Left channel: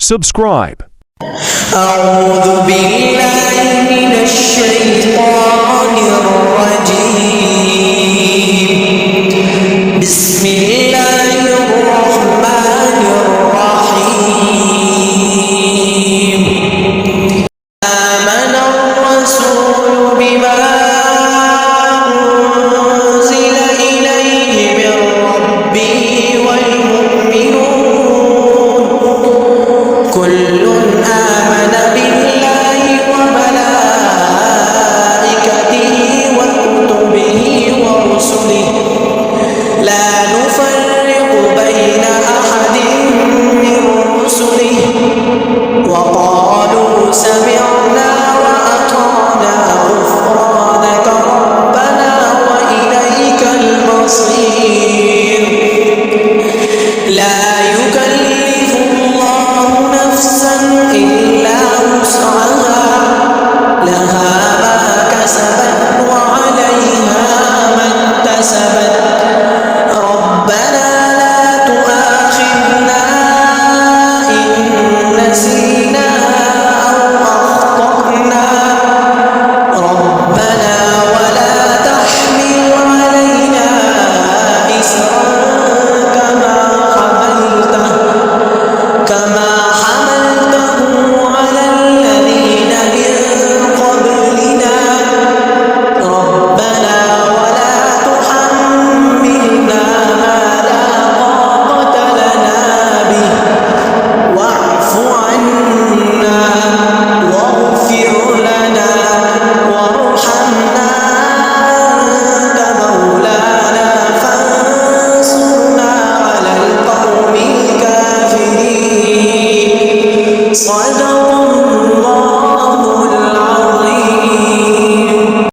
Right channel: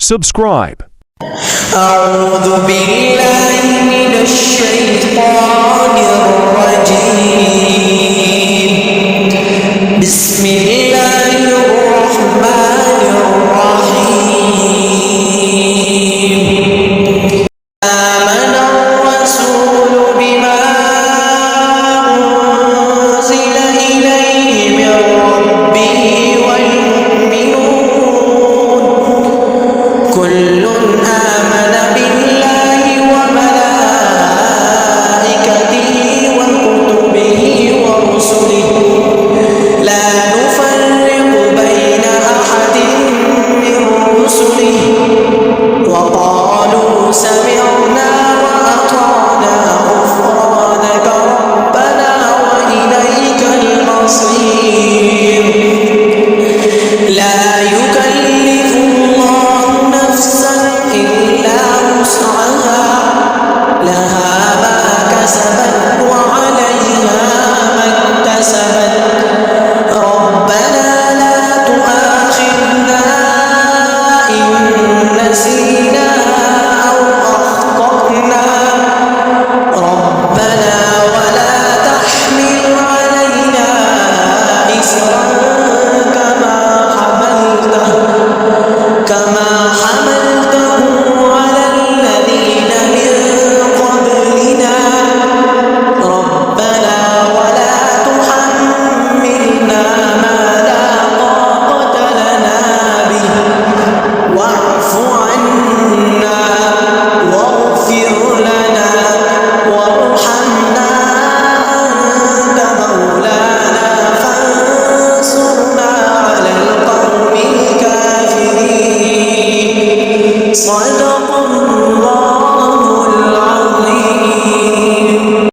Subscribe. أعوذ بالله من الشيطان الرجيم. بسم الله الرحمن الرحيم. آمن الرسول بما أنزل إليه من ربه والمؤمنون كل آمن بالله وملائكته وكتبه ورسله لا نفرق بين أحد من رسله وقالوا سمعنا وأطعنا غفرانك ربنا وإليك المصير. لا يكلف الله نفسا إلا وسعها لها ما كسبت وعليها ما اكتسبت. ربنا لا تؤاخذنا إن نسينا أو أخطأنا ربنا ولا تحمل علينا إصرا كما حملته على الذين من قبلنا ربنا ولا تحملنا ما لا طاقة لنا به واعف عنا واغفر لنا وارحمنا أنت مولانا فانصرنا على القوم الكافرين. صدق الله